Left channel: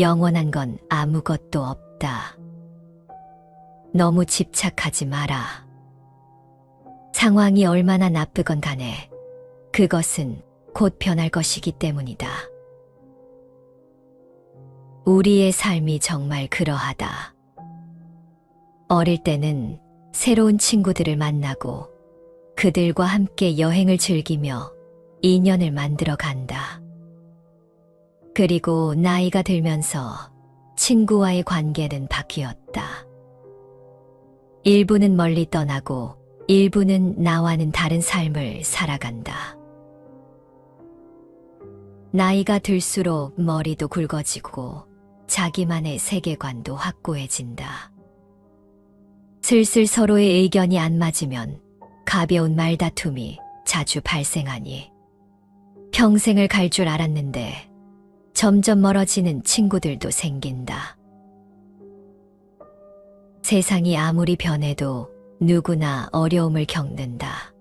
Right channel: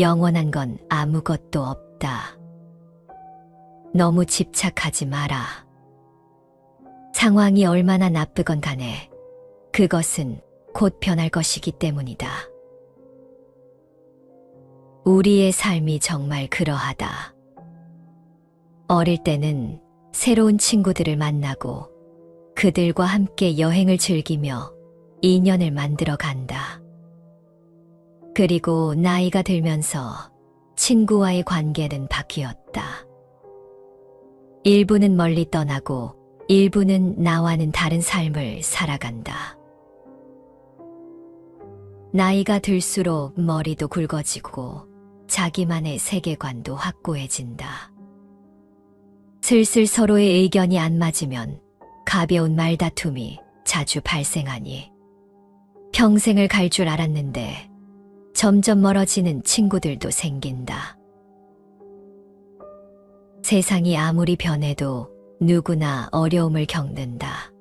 영원한 건 아무것도 없다. 너무 집착하지 마라. 상황이 얼마나 나쁘건 간에 그것은 곧 변할 것이기 때문이다. 우리의 삶이 정말 그러하다. 어릴 때는 새로운 친구들을 만나고 그들과 함께 여행을 즐기며 인연을 만들어 간다. 그리고 나이가 들면서 친구와의 관계는 바뀌었다. 일부는 멀리 떠나고 일부는 나와는 다른 삶을 살아간다. 나이가 들수록 머리도 굵어지고 자기만의 세계관도 확고해진다. 슬슬 서로의 의견이 안 맞으면 가벼운 말다툼이 자주 발생하니 평생을 갈 줄 알았는데 점점 멀어지는 친구들도 생긴다. 세상이 아무리 변해도 누구나 어려움을 겪는다.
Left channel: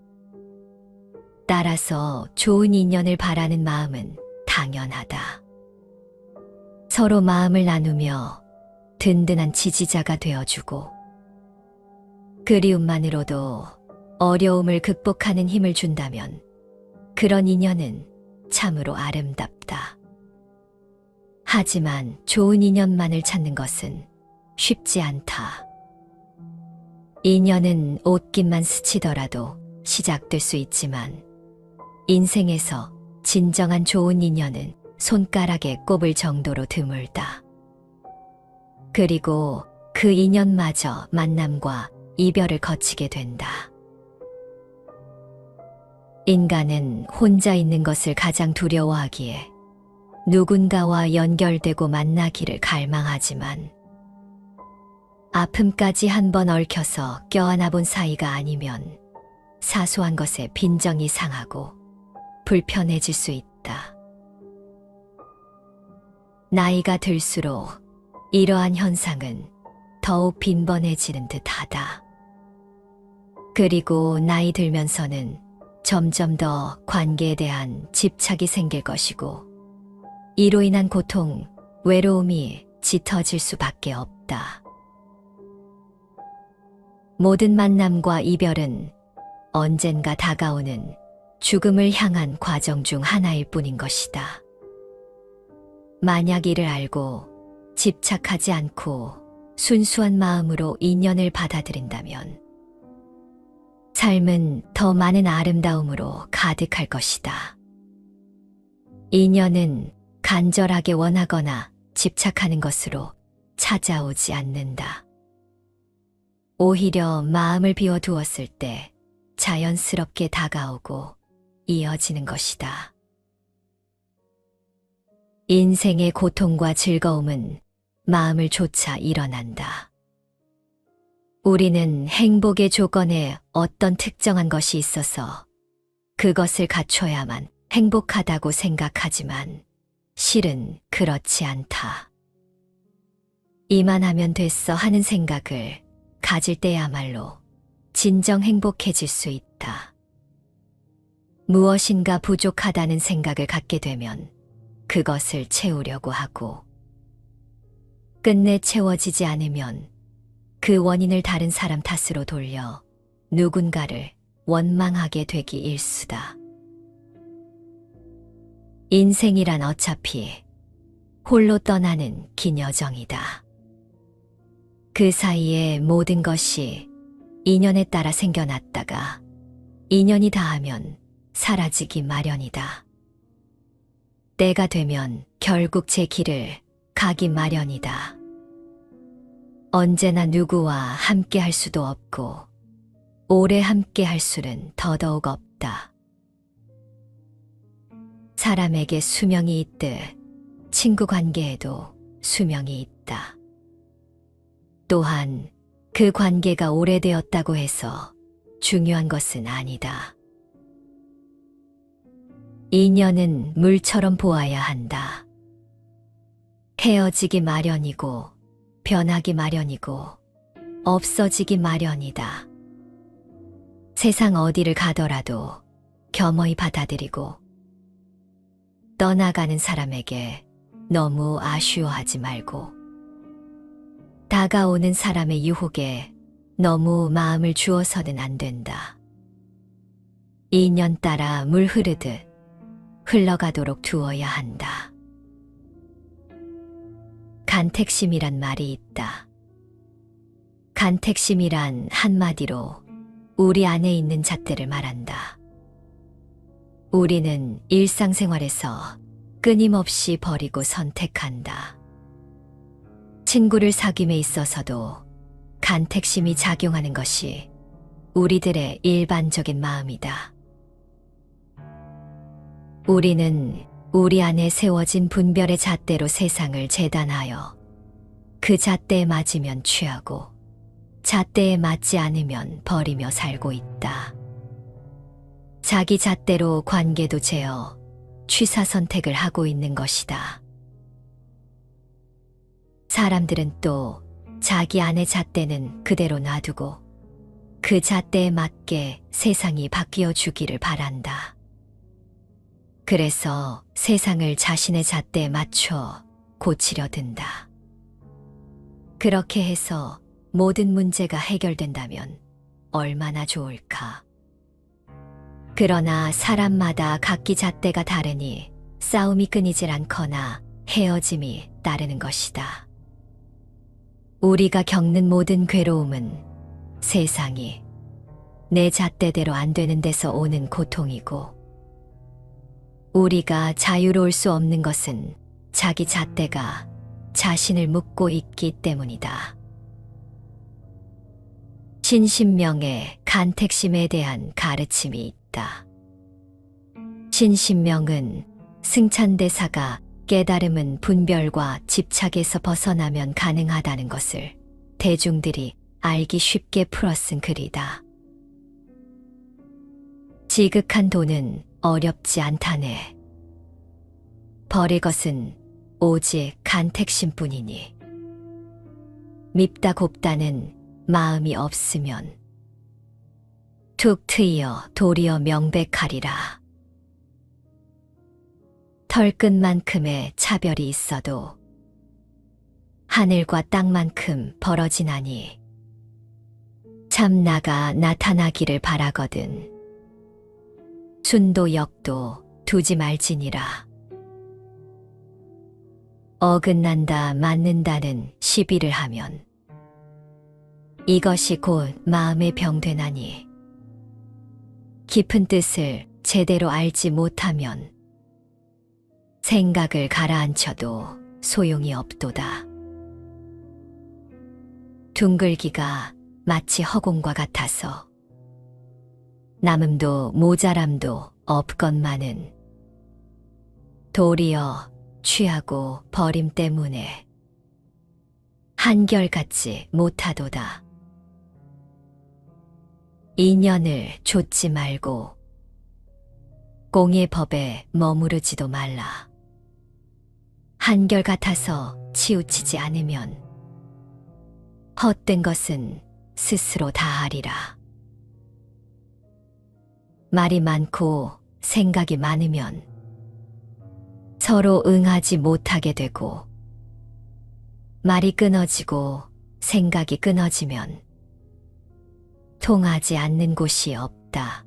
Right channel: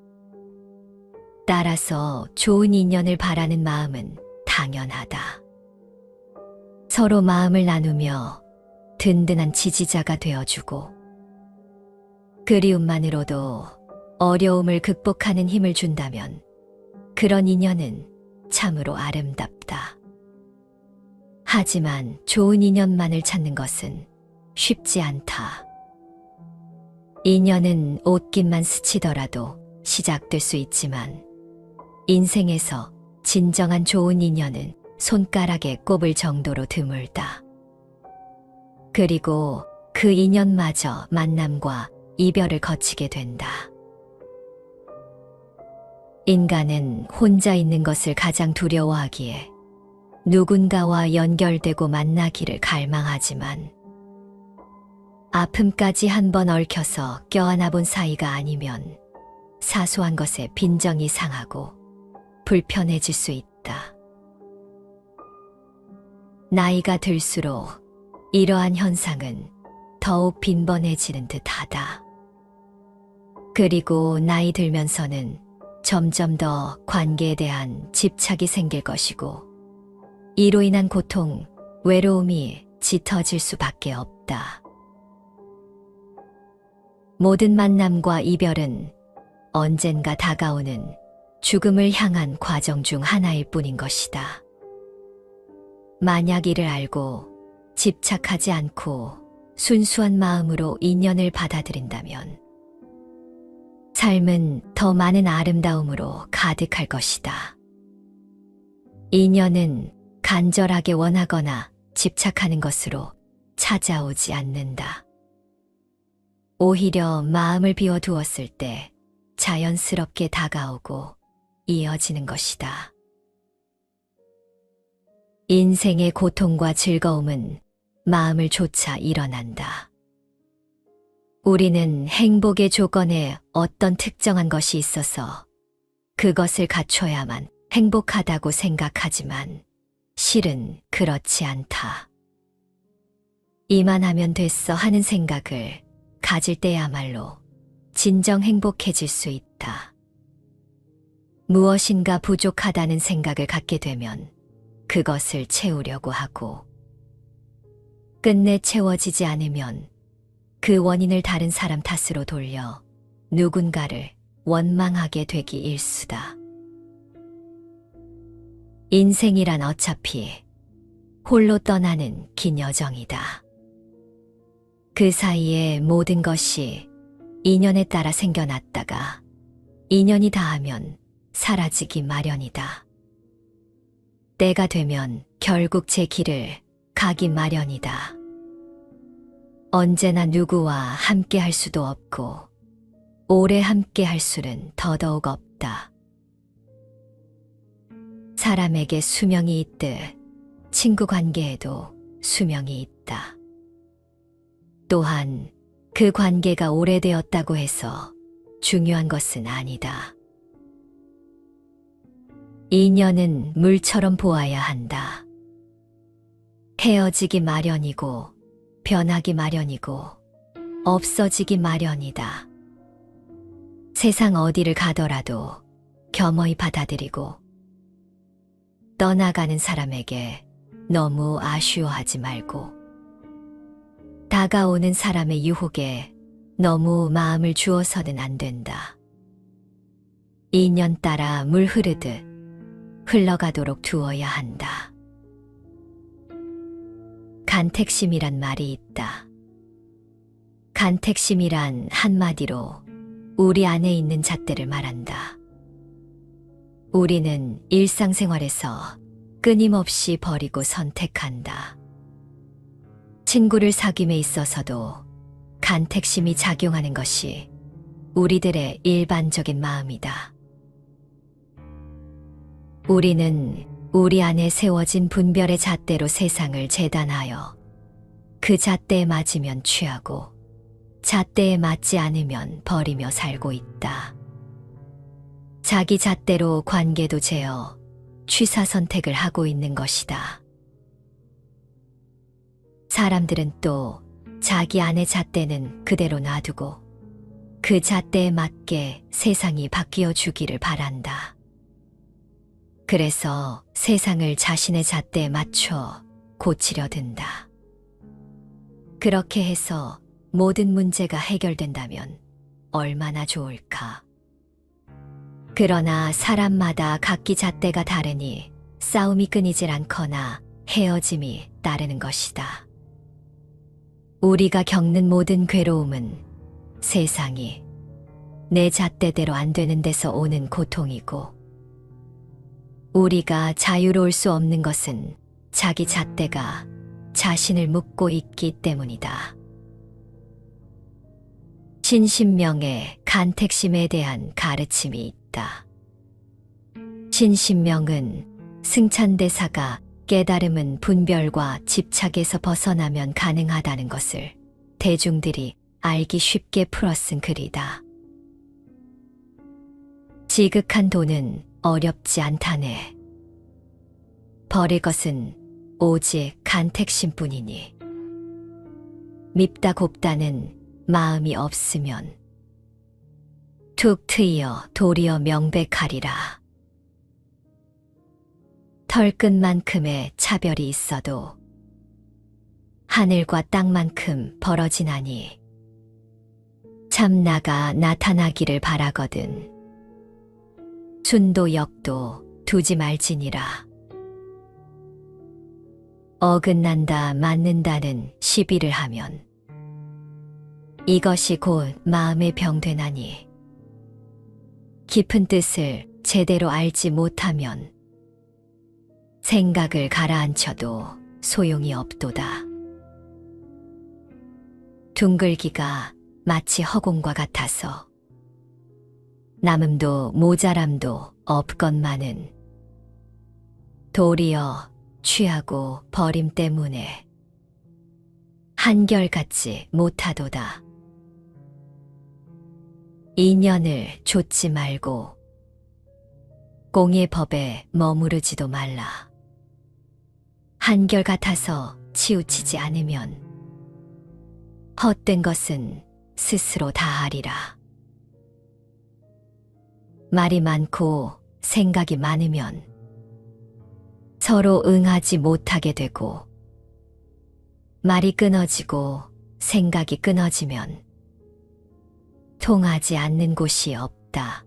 따라서 좋은 인연을 바라는 마음은 당연하다. 서로 마음을 나누며 든든한 지지자가 되어주고 그리움만으로도 어려움을 극복하는 힘을 준다면 그런 인연은 참으로 아름답다. 하지만 좋은 인연만을 찾는 것은 쉽지 않다. 인연은 옷깃만 스치더라도 시작될 수 있지만 인생에서 진정한 좋은 인연은 손가락에 꼽을 정도로 드물다. 그리고 그 인연마저 만남과 이별을 거치게 된다. 인간은 혼자 있는 것을 가장 두려워하기에 누군가와 연결되고 만나기를 갈망하지만 아픔까지 한 번 얽혀서 껴안아 본 사이가 아니면 사소한 것에 빈정이 상하고 불편해질 수 있다. 나이가 들수록 이러한 현상은 더욱 빈번해지는 듯 하다. 그리고 나이 들면서는 점점 더 관계에 대한 집착이 생길 것이고, 이로 인한 고통, 외로움이 짙어질 수밖에 없다. 모든 만남과 이별은 언젠가 다가오는 죽음을 향한 과정 중 하나일 뿐인 것이다. 만약 이를 알고 집착하지 않고 순수한 마음으로 인연을 받아들인다면 삶은 더 많은 아름다움으로 가득할 것이다. 인연은 간절하게 원하거나 집착하는 것으로 찾아오지 않는다. 오히려 마음을 비워두었을 때 자연스럽게 다가오고 이어지는 것이다. 인생의 고통과 즐거움은 마음을 좇아 일어난다. 우리는 행복의 조건에 어떤 특정한 것이 있어서 그것을 갖춰야만 행복하다고 생각하지만 실은 그렇지 않다. 이만하면 됐어 하는 생각을 가질 때야말로 진정 행복해질 수 있다. 무엇인가 부족하다는 생각을 갖게 되면 그것을 채우려고 하고 끝내 채워지지 않으면 그 원인을 다른 사람 탓으로 돌려 누군가를 원망하게 되기 일수다. 인생이란 어차피 홀로 떠나는 긴 여정이다. 그 사이에 모든 것이 인연에 따라 생겨났다가 인연이 닿으면 사라지기 마련이다. 때가 되면 결국 제 길을 가기 마련이다. 언제나 누구와 함께 할 수도 없고, 오래 함께 할 수는 더더욱 없다. 사람에게 수명이 있듯 친구 관계에도 수명이 있다. 또한 그 관계가 오래되었다고 해서 중요한 것은 아니다. 인연은 물처럼 보아야 한다. 헤어지기 마련이고, 변하기 마련이고, 없어지기 마련이다. 세상 어디를 가더라도 겸허히 받아들이고, 떠나가는 사람에게 너무 아쉬워하지 말고 다가오는 사람의 유혹에 너무 마음을 주어서는 안 된다. 인연 따라 물 흐르듯 흘러가도록 두어야 한다. 간택심이란 말이 있다. 간택심이란 한마디로 우리 안에 있는 잣대를 말한다. 우리는 일상생활에서 끊임없이 버리고 선택한다. 친구를 사귐에 있어서도 간택심이 작용하는 것이 우리들의 일반적인 마음이다. 우리는 우리 안에 세워진 분별의 잣대로 세상을 재단하여 그 잣대에 맞으면 취하고 잣대에 맞지 않으면 버리며 살고 있다. 자기 잣대로 관계도 재어 취사 선택을 하고 있는 것이다. 사람들은 또 자기 안의 잣대는 그대로 놔두고 그 잣대에 맞게 세상이 바뀌어 주기를 바란다. 그래서 세상을 자신의 잣대에 맞춰 고치려 든다. 그렇게 해서 모든 문제가 해결된다면 얼마나 좋을까. 그러나 사람마다 각기 잣대가 다르니 싸움이 끊이질 않거나 헤어짐이 따르는 것이다. 우리가 겪는 모든 괴로움은 세상이 내 잣대대로 안 되는 데서 오는 고통이고 우리가 자유로울 수 없는 것은 자기 잣대가 자신을 묶고 있기 때문이다. 신신명의 간택심에 대한 가르침이 있다. 신신명은 승찬대사가 깨달음은 분별과 집착에서 벗어나면 가능하다는 것을 대중들이 알기 쉽게 풀어 쓴 글이다. 지극한 돈은 어렵지 않다네. 버릴 것은 오직 간택심 뿐이니. 밉다 곱다는 마음이 없으면 툭 트이어 도리어 명백하리라. 털끝만큼의 차별이 있어도 하늘과 땅만큼 벌어지나니 참 나가 나타나기를 바라거든. 순도 역도 두지 말지니라. 어긋난다 맞는다는 시비를 하면 이것이 곧 마음의 병되나니 깊은 뜻을 제대로 알지 못하면 생각을 가라앉혀도 소용이 없도다. 둥글기가 마치 허공과 같아서 남음도 모자람도 없건만은 도리어 취하고 버림 때문에 한결같지 못하도다. 인연을 좇지 말고 공의 법에 머무르지도 말라. 한결같아서 치우치지 않으면 헛된 것은 스스로 다 하리라. 말이 많고 생각이 많으면 서로 응하지 못하게 되고 말이 끊어지고 생각이 끊어지면 통하지 않는 곳이 없다.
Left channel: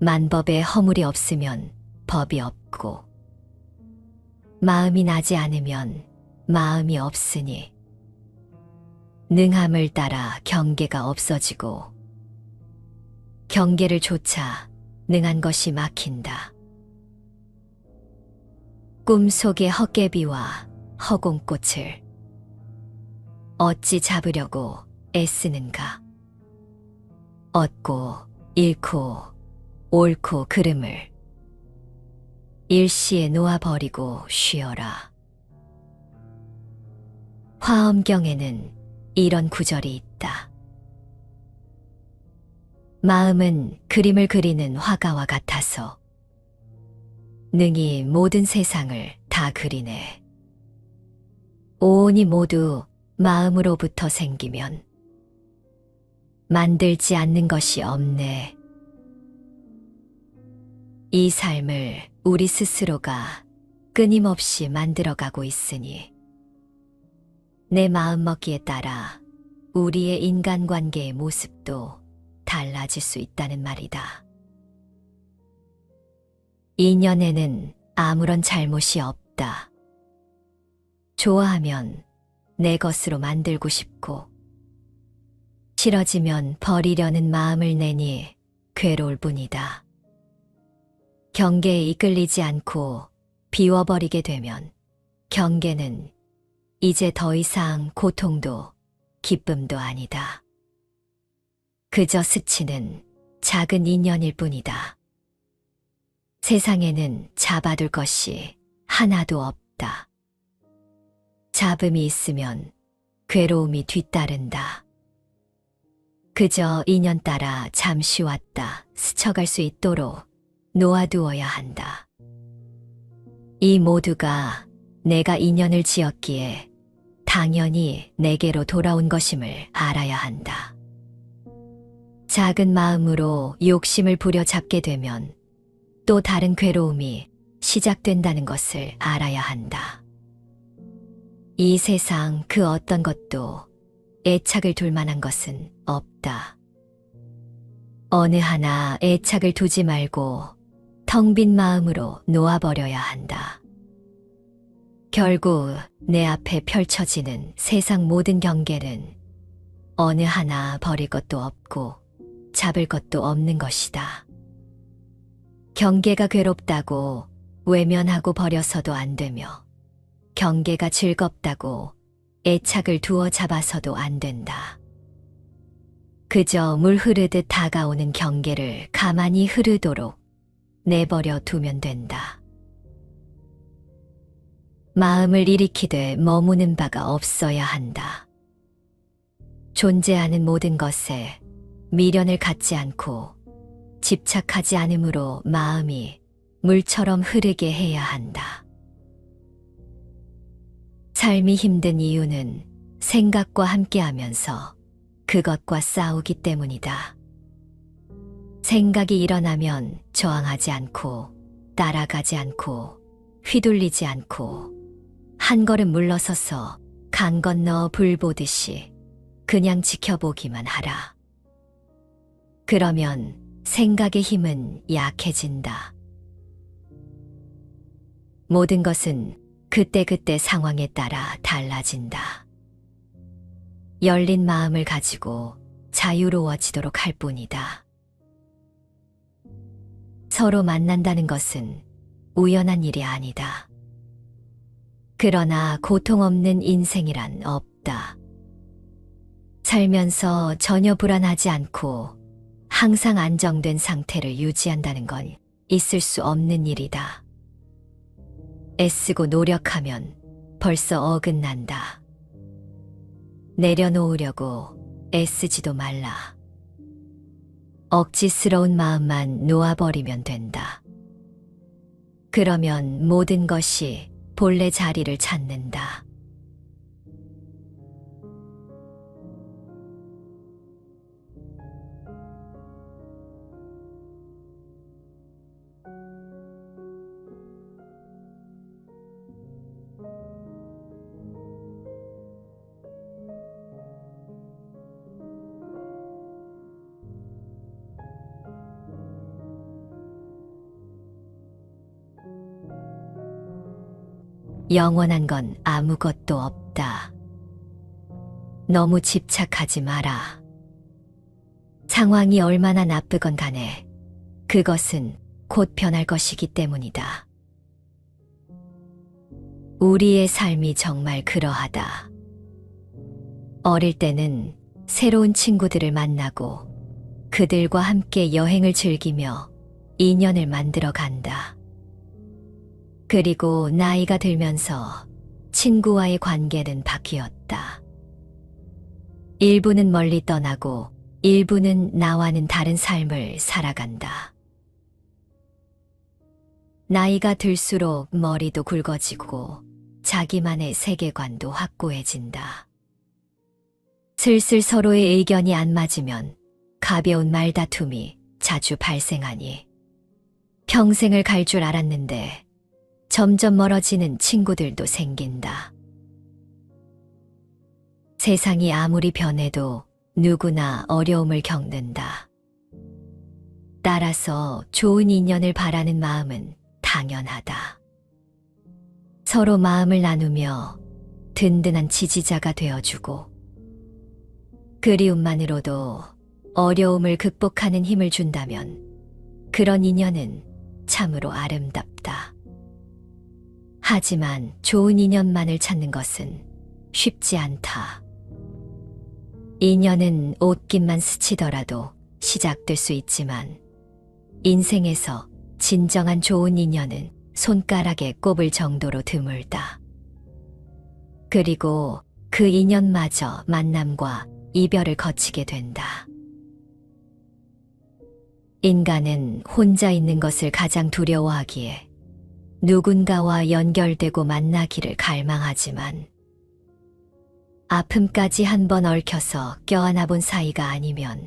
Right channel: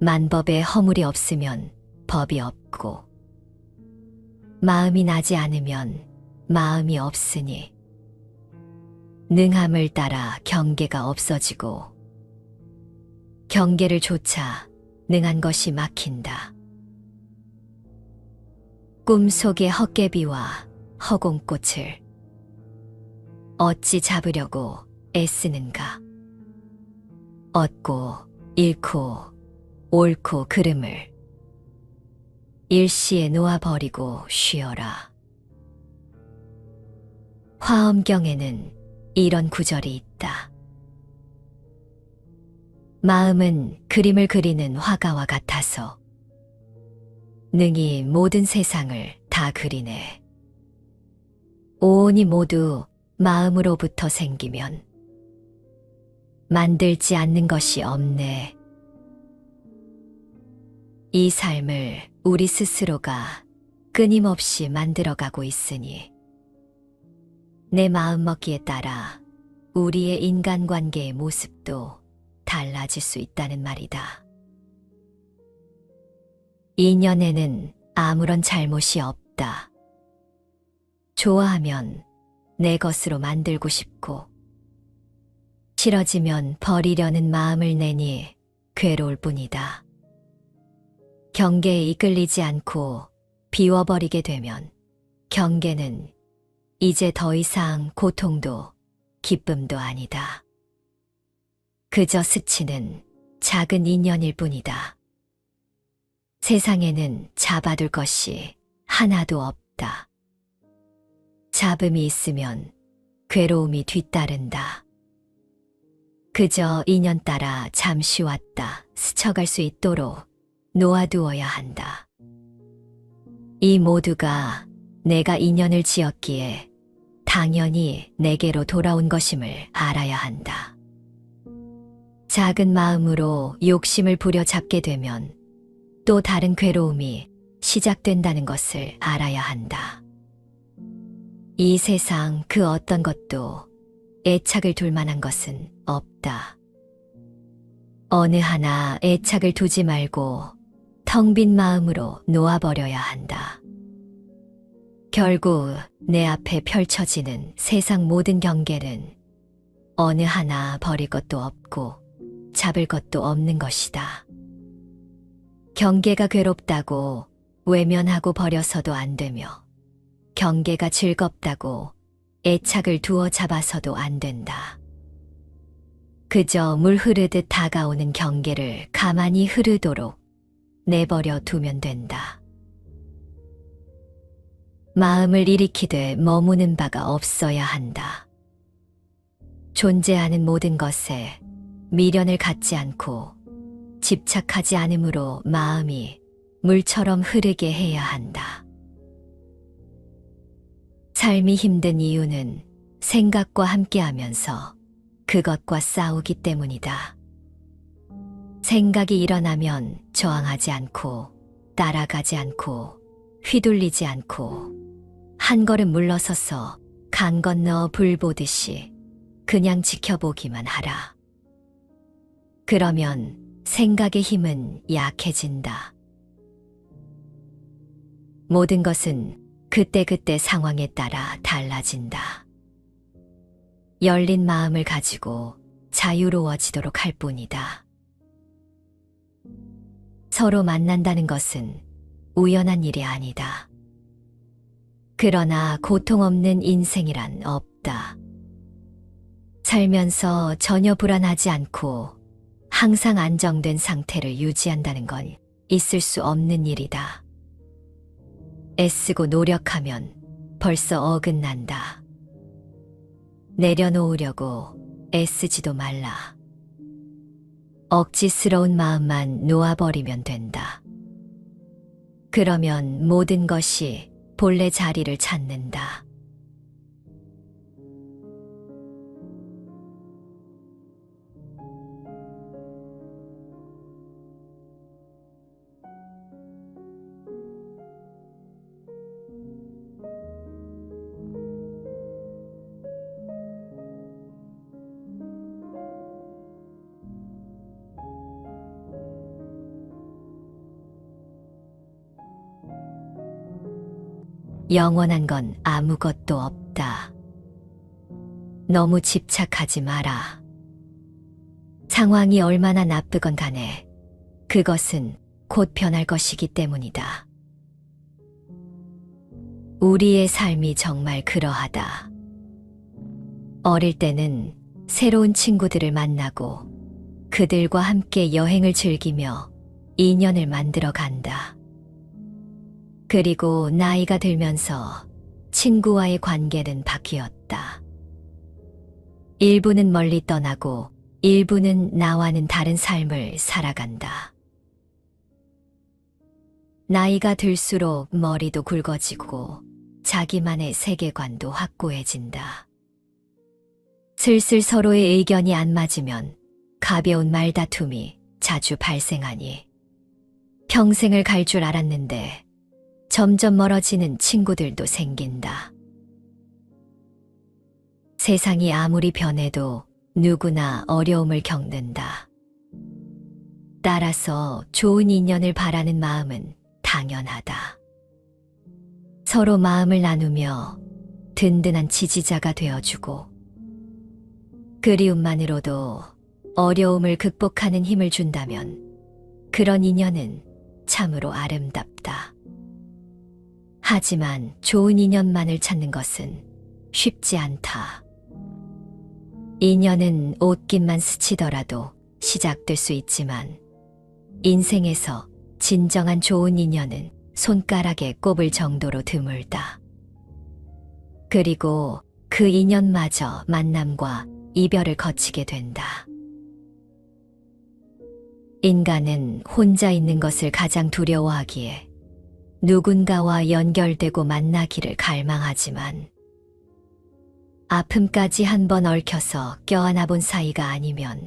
만법에 허물이 없으면 법이 없고 마음이 나지 않으면 마음이 없으니 능함을 따라 경계가 없어지고 경계를 조차 능한 것이 막힌다. 꿈속의 헛개비와 허공꽃을 어찌 잡으려고 애쓰는가? 얻고 잃고 옳고 그름을 일시에 놓아버리고 쉬어라. 화엄경에는 이런 구절이 있다. 마음은 그림을 그리는 화가와 같아서 능히 모든 세상을 다 그리네. 오온이 모두 마음으로부터 생기면 만들지 않는 것이 없네. 이 삶을 우리 스스로가 끊임없이 만들어가고 있으니 내 마음먹기에 따라 우리의 인간관계의 모습도 달라질 수 있다는 말이다. 인연에는 아무런 잘못이 없다. 좋아하면 내 것으로 만들고 싶고, 싫어지면 버리려는 마음을 내니 괴로울 뿐이다. 경계에 이끌리지 않고 비워버리게 되면 경계는 이제 더 이상 고통도 기쁨도 아니다. 그저 스치는 작은 인연일 뿐이다. 세상에는 잡아둘 것이 하나도 없다. 잡음이 있으면 괴로움이 뒤따른다. 그저 인연 따라 잠시 왔다 스쳐갈 수 있도록 놓아두어야 한다. 이 모두가 내가 인연을 지었기에 당연히 내게로 돌아온 것임을 알아야 한다. 작은 마음으로 욕심을 부려잡게 되면 또 다른 괴로움이 시작된다는 것을 알아야 한다. 이 세상 그 어떤 것도 애착을 둘 만한 것은 없다. 어느 하나 애착을 두지 말고 텅 빈 마음으로 놓아버려야 한다. 결국 내 앞에 펼쳐지는 세상 모든 경계는 어느 하나 버릴 것도 없고 잡을 것도 없는 것이다. 경계가 괴롭다고 외면하고 버려서도 안 되며 경계가 즐겁다고 애착을 두어 잡아서도 안 된다. 그저 물 흐르듯 다가오는 경계를 가만히 흐르도록 내버려 두면 된다. 마음을 일으키되 머무는 바가 없어야 한다. 존재하는 모든 것에 미련을 갖지 않고 집착하지 않으므로 마음이 물처럼 흐르게 해야 한다. 삶이 힘든 이유는 생각과 함께하면서 그것과 싸우기 때문이다. 생각이 일어나면 저항하지 않고 따라가지 않고 휘둘리지 않고 한 걸음 물러서서 강 건너 불 보듯이 그냥 지켜보기만 하라. 그러면 생각의 힘은 약해진다. 모든 것은 그때그때 상황에 따라 달라진다. 열린 마음을 가지고 자유로워지도록 할 뿐이다. 서로 만난다는 것은 우연한 일이 아니다. 그러나 고통 없는 인생이란 없다. 살면서 전혀 불안하지 않고 항상 안정된 상태를 유지한다는 건 있을 수 없는 일이다. 애쓰고 노력하면 벌써 어긋난다. 내려놓으려고 애쓰지도 말라. 억지스러운 마음만 놓아버리면 된다. 그러면 모든 것이 본래 자리를 찾는다. 영원한 건 아무것도 없다. 너무 집착하지 마라. 상황이 얼마나 나쁘건 간에 그것은 곧 변할 것이기 때문이다. 우리의 삶이 정말 그러하다. 어릴 때는 새로운 친구들을 만나고 그들과 함께 여행을 즐기며 인연을 만들어 간다. 그리고 나이가 들면서 친구와의 관계는 바뀌었다. 일부는 멀리 떠나고 일부는 나와는 다른 삶을 살아간다. 나이가 들수록 머리도 굵어지고 자기만의 세계관도 확고해진다. 슬슬 서로의 의견이 안 맞으면 가벼운 말다툼이 자주 발생하니 평생을 갈 줄 알았는데 점점 멀어지는 친구들도 생긴다. 세상이 아무리 변해도 누구나 어려움을 겪는다. 따라서 좋은 인연을 바라는 마음은 당연하다. 서로 마음을 나누며 든든한 지지자가 되어주고, 그리움만으로도 어려움을 극복하는 힘을 준다면 그런 인연은 참으로 아름답다. 하지만 좋은 인연만을 찾는 것은 쉽지 않다. 인연은 옷깃만 스치더라도 시작될 수 있지만 인생에서 진정한 좋은 인연은 손가락에 꼽을 정도로 드물다. 그리고 그 인연마저 만남과 이별을 거치게 된다. 인간은 혼자 있는 것을 가장 두려워하기에 누군가와 연결되고 만나기를 갈망하지만 아픔까지 한번 얽혀서 껴안아 본 사이가 아니면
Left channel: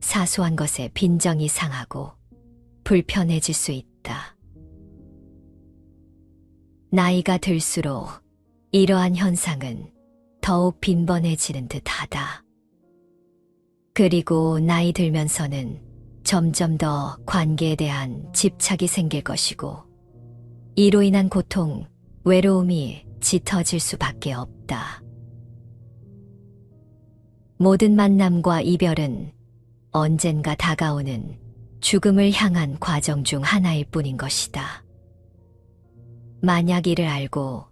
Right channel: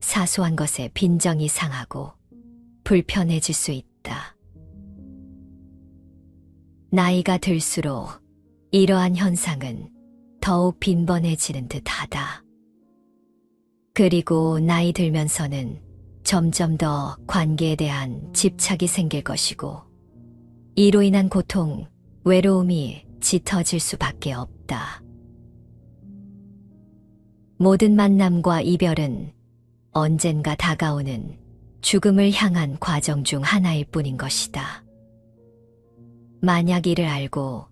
사소한 것에 빈정이 상하고 불편해질 수 있다. 나이가 들수록 이러한 현상은 더욱 빈번해지는 듯 하다. 그리고 나이 들면서는 점점 더 관계에 대한 집착이 생길 것이고, 이로 인한 고통, 외로움이 짙어질 수밖에 없다. 모든 만남과 이별은 언젠가 다가오는 죽음을 향한 과정 중 하나일 뿐인 것이다. 만약 이를 알고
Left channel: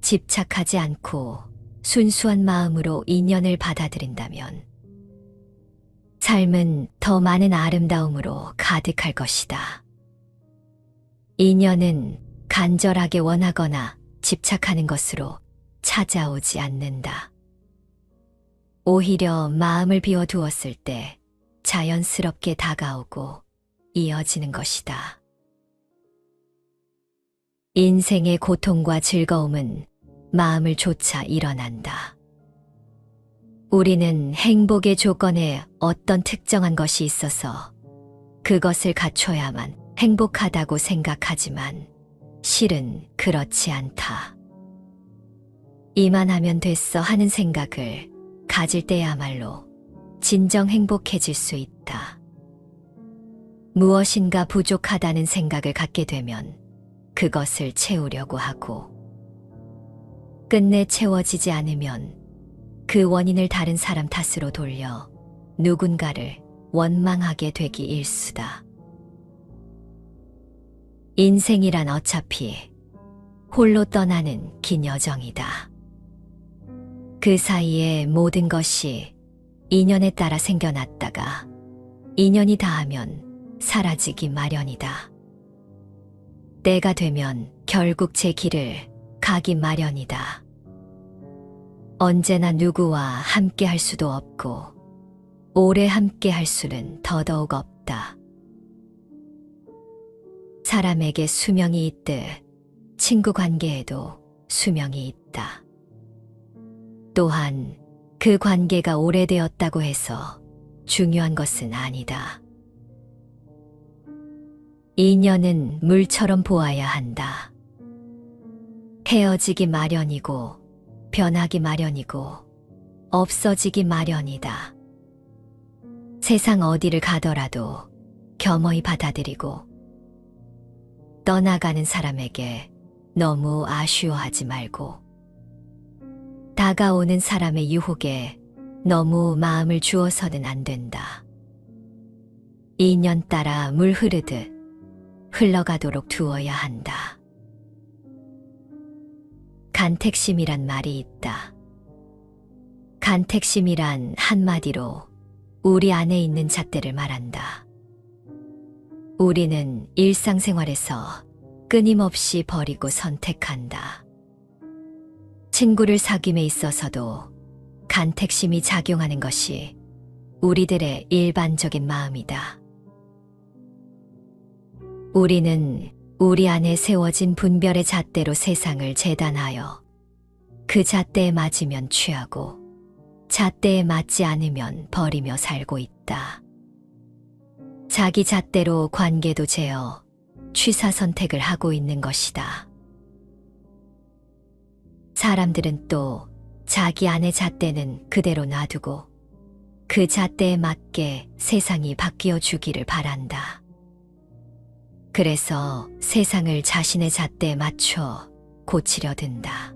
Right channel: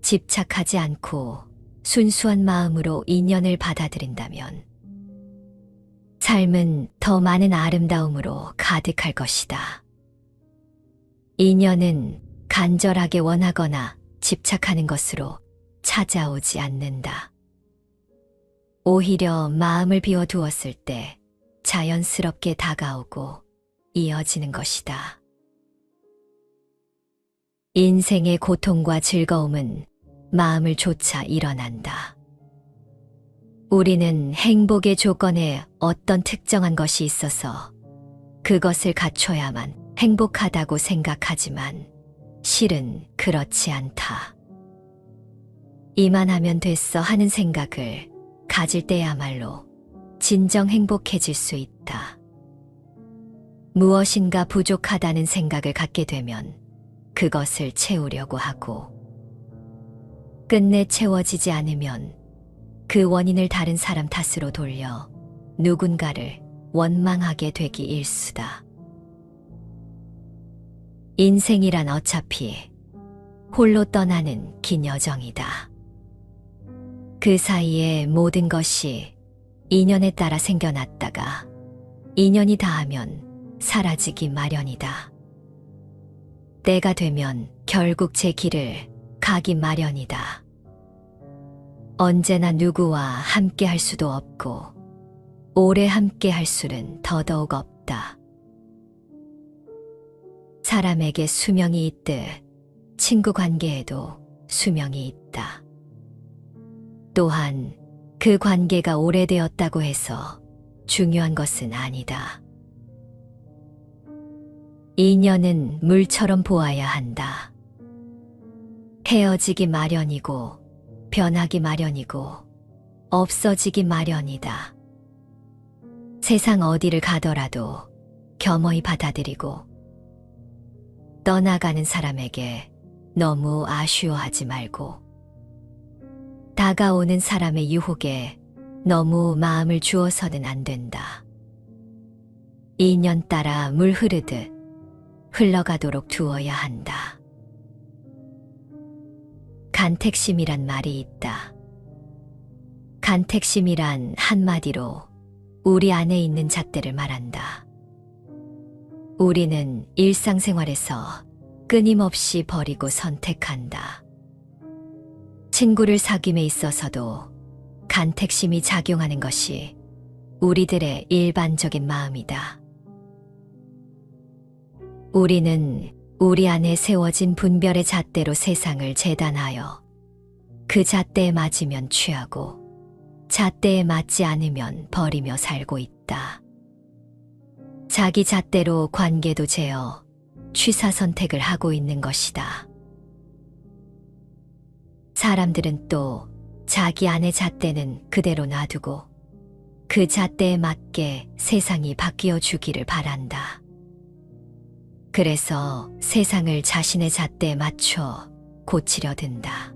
집착하지 않고 순수한 마음으로 인연을 받아들인다면 삶은 더 많은 아름다움으로 가득할 것이다. 인연은 간절하게 원하거나 집착하는 것으로 찾아오지 않는다. 오히려 마음을 비워두었을 때 자연스럽게 다가오고 이어지는 것이다. 인생의 고통과 즐거움은 마음을 좇아 일어난다. 우리는 행복의 조건에 어떤 특정한 것이 있어서 그것을 갖춰야만 행복하다고 생각하지만 실은 그렇지 않다. 이만 하면 됐어 하는 생각을 가질 때야말로 진정 행복해질 수 있다. 무엇인가 부족하다는 생각을 갖게 되면 그것을 채우려고 하고 끝내 채워지지 않으면 그 원인을 다른 사람 탓으로 돌려 누군가를 원망하게 되기 일수다. 인생이란 어차피 홀로 떠나는 긴 여정이다. 그 사이에 모든 것이 인연에 따라 생겨났다가 인연이 닿으면 사라지기 마련이다. 때가 되면 결국 제 길을 가기 마련이다. 언제나 누구와 함께 할 수도 없고, 오래 함께 할 수는 더더욱 없다. 사람에게 수명이 있듯 친구 관계에도 수명이 있다. 또한 그 관계가 오래되었다고 해서 중요한 것은 아니다. 인연은 물처럼 보아야 한다. 헤어지기 마련이고, 변하기 마련이고, 없어지기 마련이다. 세상 어디를 가더라도 겸허히 받아들이고, 떠나가는 사람에게 너무 아쉬워하지 말고, 다가오는 사람의 유혹에 너무 마음을 주어서는 안 된다. 인연 따라 물 흐르듯 흘러가도록 두어야 한다. 간택심이란 말이 있다. 간택심이란 한마디로 우리 안에 있는 잣대를 말한다. 우리는 일상생활에서 끊임없이 버리고 선택한다. 친구를 사귐에 있어서도 간택심이 작용하는 것이 우리들의 일반적인 마음이다. 우리는 우리 안에 세워진 분별의 잣대로 세상을 재단하여 그 잣대에 맞으면 취하고 잣대에 맞지 않으면 버리며 살고 있다. 자기 잣대로 관계도 재어 취사 선택을 하고 있는 것이다. 사람들은 또 자기 안의 잣대는 그대로 놔두고 그 잣대에 맞게 세상이 바뀌어 주기를 바란다. 그래서 세상을 자신의 잣대에 맞춰 고치려 든다.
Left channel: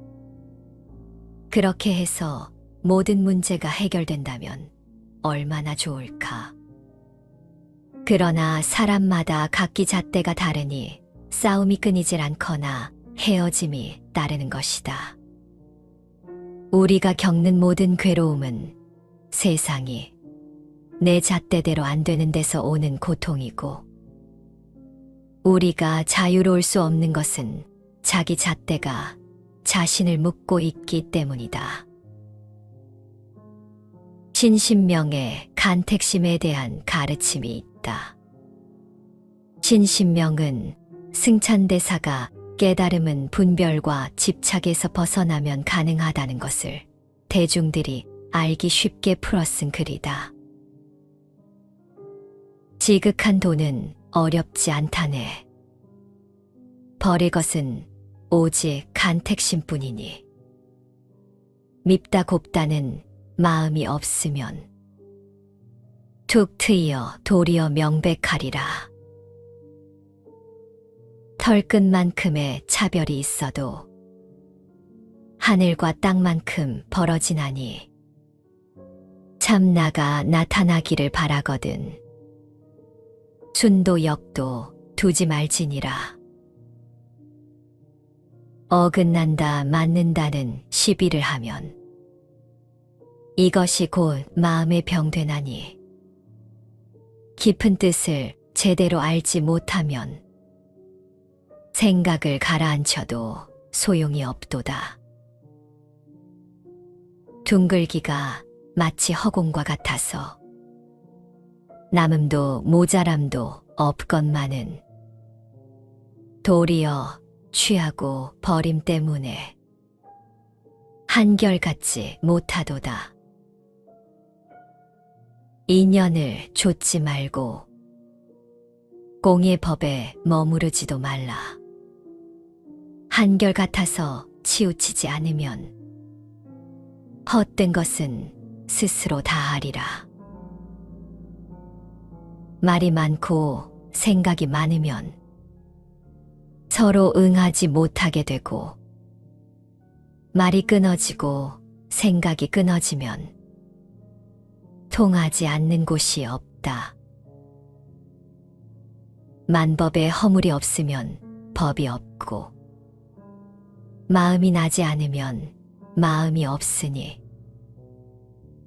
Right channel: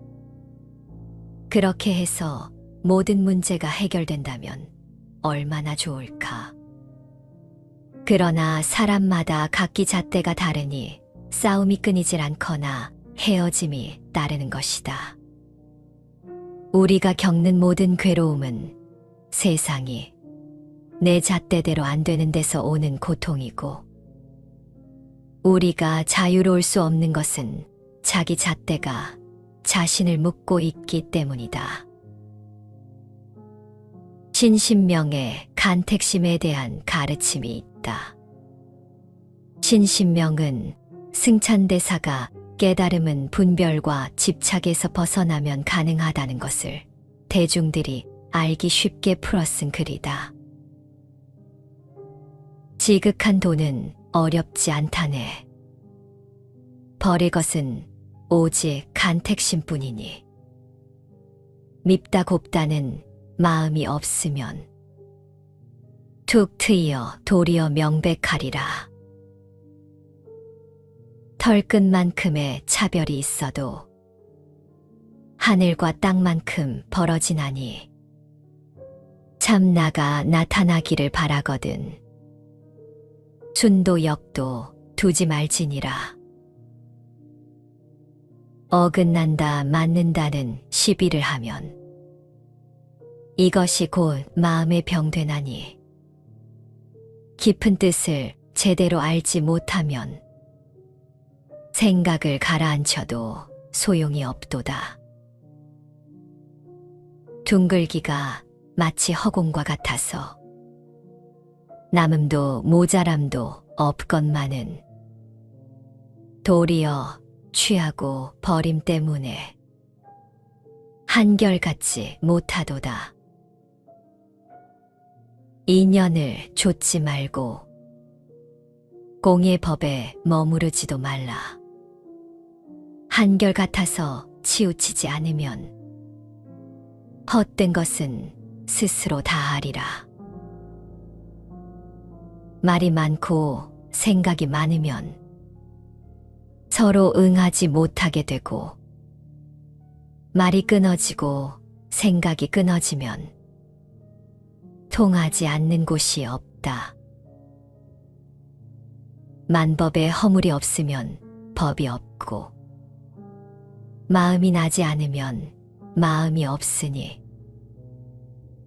그렇게 해서 모든 문제가 해결된다면 얼마나 좋을까. 그러나 사람마다 각기 잣대가 다르니 싸움이 끊이질 않거나 헤어짐이 따르는 것이다. 우리가 겪는 모든 괴로움은 세상이 내 잣대대로 안 되는 데서 오는 고통이고, 우리가 자유로울 수 없는 것은 자기 잣대가 자신을 묶고 있기 때문이다. 신신명의 간택심에 대한 가르침이 있다. 신신명은 승찬대사가 깨달음은 분별과 집착에서 벗어나면 가능하다는 것을 대중들이 알기 쉽게 풀어쓴 글이다. 지극한 돈은 어렵지 않다네. 버릴 것은 오직 간택심뿐이니. 밉다 곱다는 마음이 없으면 툭 트이어 도리어 명백하리라. 털끝만큼의 차별이 있어도 하늘과 땅만큼 벌어지나니 참나가 나타나기를 바라거든. 순도 역도 두지 말지니라. 어긋난다 맞는다는 시비를 하면 이것이 곧 마음의 병되나니 깊은 뜻을 제대로 알지 못하면 생각을 가라앉혀도 소용이 없도다. 둥글기가 마치 허공과 같아서 남음도 모자람도 없건만은 도리어 취하고 버림 때문에 한결같지 못하도다. 인연을 좇지 말고 공의 법에 머무르지도 말라. 한결같아서 치우치지 않으면 헛된 것은 스스로 다하리라. 말이 많고 생각이 많으면 서로 응하지 못하게 되고 말이 끊어지고 생각이 끊어지면 통하지 않는 곳이 없다. 만법에 허물이 없으면 법이 없고 마음이 나지 않으면 마음이 없으니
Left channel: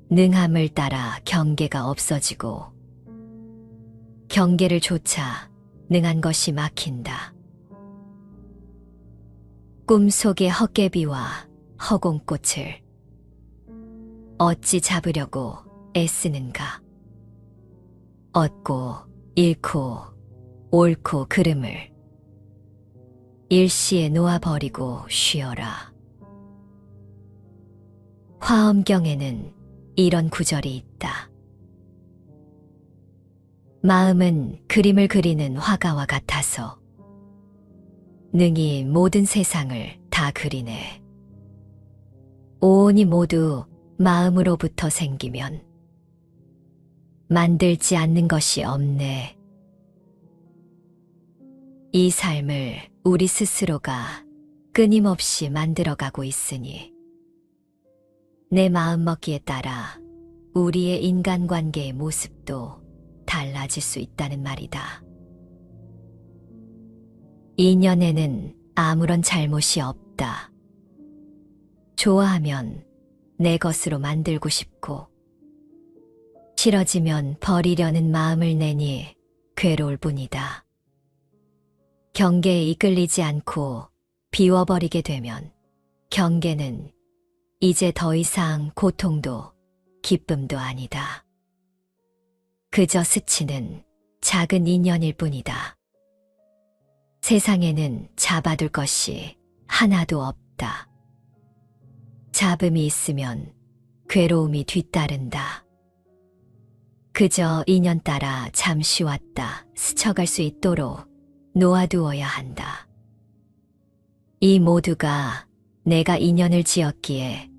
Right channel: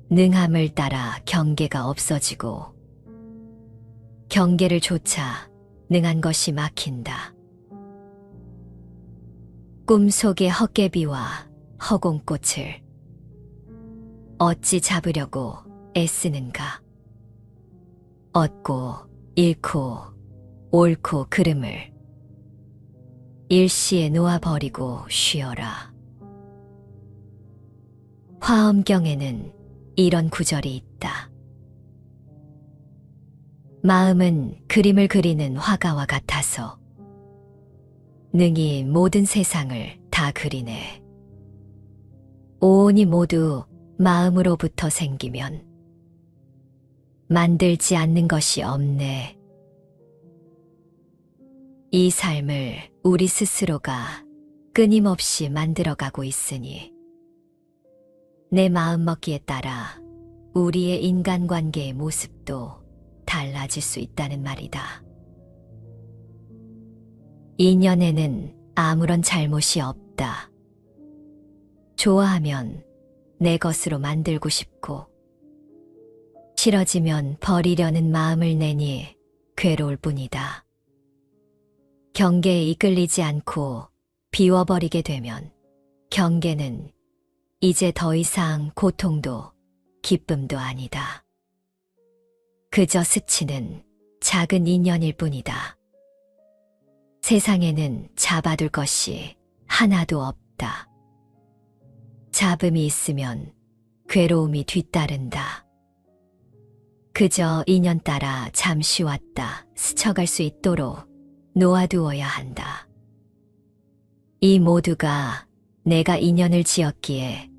능함을 따라 경계가 없어지고 경계를 조차 능한 것이 막힌다. 꿈속의 헛개비와 허공꽃을 어찌 잡으려고 애쓰는가? 얻고 잃고 옳고 그름을 일시에 놓아버리고 쉬어라. 화엄경에는 이런 구절이 있다. 마음은 그림을 그리는 화가와 같아서 능히 모든 세상을 다 그리네. 오온이 모두 마음으로부터 생기면 만들지 않는 것이 없네. 이 삶을 우리 스스로가 끊임없이 만들어가고 있으니 내 마음먹기에 따라 우리의 인간관계의 모습도 달라질 수 있다는 말이다. 인연에는 아무런 잘못이 없다. 좋아하면 내 것으로 만들고 싶고, 싫어지면 버리려는 마음을 내니 괴로울 뿐이다. 경계에 이끌리지 않고 비워버리게 되면 경계는 이제 더 이상 고통도 기쁨도 아니다. 그저 스치는 작은 인연일 뿐이다. 세상에는 잡아둘 것이 하나도 없다. 잡음이 있으면 괴로움이 뒤따른다. 그저 인연 따라 잠시 왔다 스쳐갈 수 있도록 놓아두어야 한다. 이 모두가 내가 인연을 지었기에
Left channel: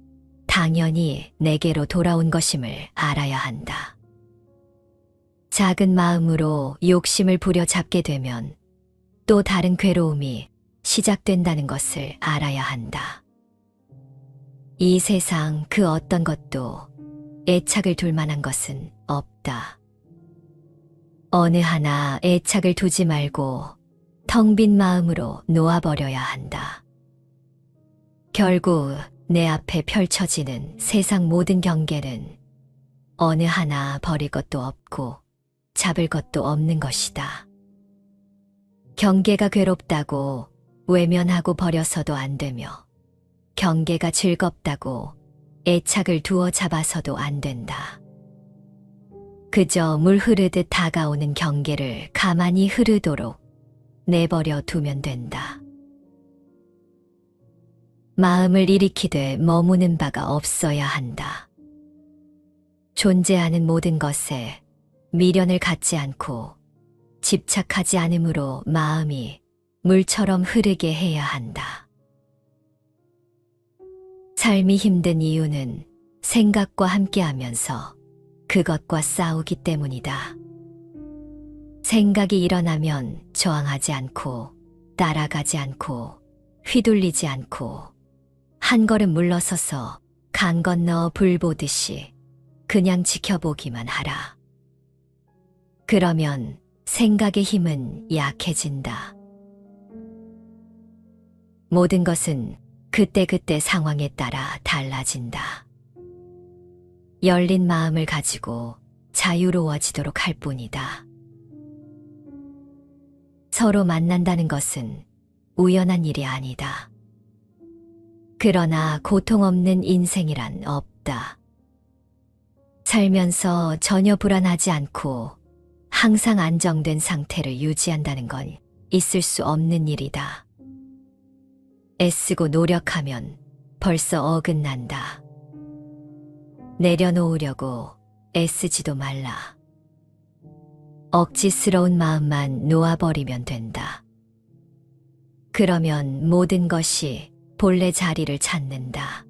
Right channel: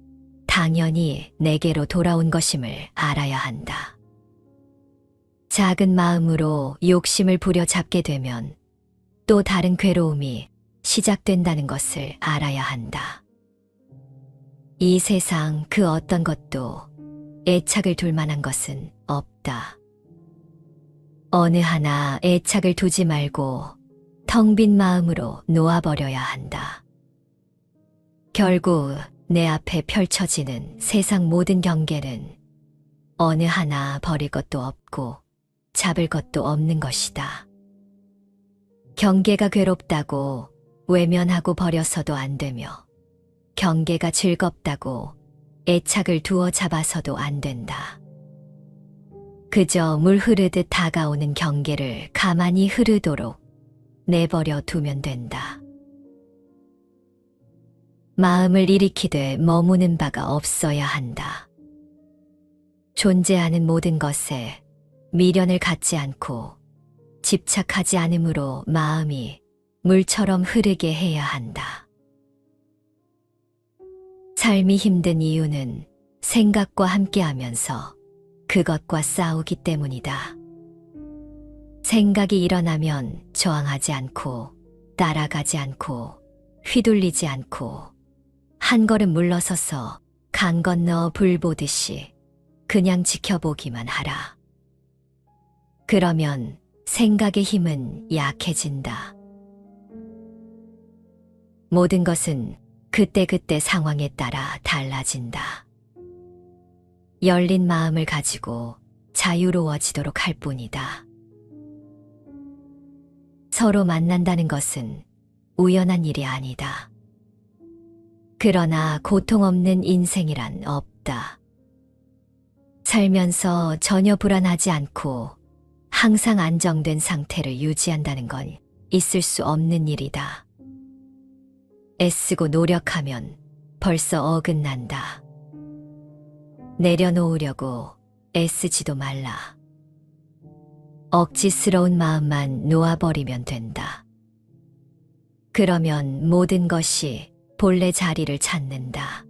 당연히 내게로 돌아온 것임을 알아야 한다. 작은 마음으로 욕심을 부려잡게 되면 또 다른 괴로움이 시작된다는 것을 알아야 한다. 이 세상 그 어떤 것도 애착을 둘 만한 것은 없다. 어느 하나 애착을 두지 말고 텅 빈 마음으로 놓아버려야 한다. 결국 내 앞에 펼쳐지는 세상 모든 경계는 어느 하나 버릴 것도 없고 잡을 것도 없는 것이다. 경계가 괴롭다고 외면하고 버려서도 안 되며 경계가 즐겁다고 애착을 두어 잡아서도 안 된다. 그저 물 흐르듯 다가오는 경계를 가만히 흐르도록 내버려 두면 된다. 마음을 일으키되 머무는 바가 없어야 한다. 존재하는 모든 것에 미련을 갖지 않고 집착하지 않으므로 마음이 물처럼 흐르게 해야 한다. 삶이 힘든 이유는 생각과 함께하면서 그것과 싸우기 때문이다. 생각이 일어나면 저항하지 않고 따라가지 않고 휘둘리지 않고 한 걸음 물러서서 강 건너 불 보듯이 그냥 지켜보기만 하라. 그러면 생각의 힘은 약해진다. 모든 것은 그때그때 상황에 따라 달라진다. 열린 마음을 가지고 자유로워지도록 할 뿐이다. 서로 만난다는 것은 우연한 일이 아니다. 그러나 고통 없는 인생이란 없다. 살면서 전혀 불안하지 않고 항상 안정된 상태를 유지한다는 건 있을 수 없는 일이다. 애쓰고 노력하면 벌써 어긋난다. 내려놓으려고 애쓰지도 말라. 억지스러운 마음만 놓아버리면 된다. 그러면 모든 것이 본래 자리를 찾는다.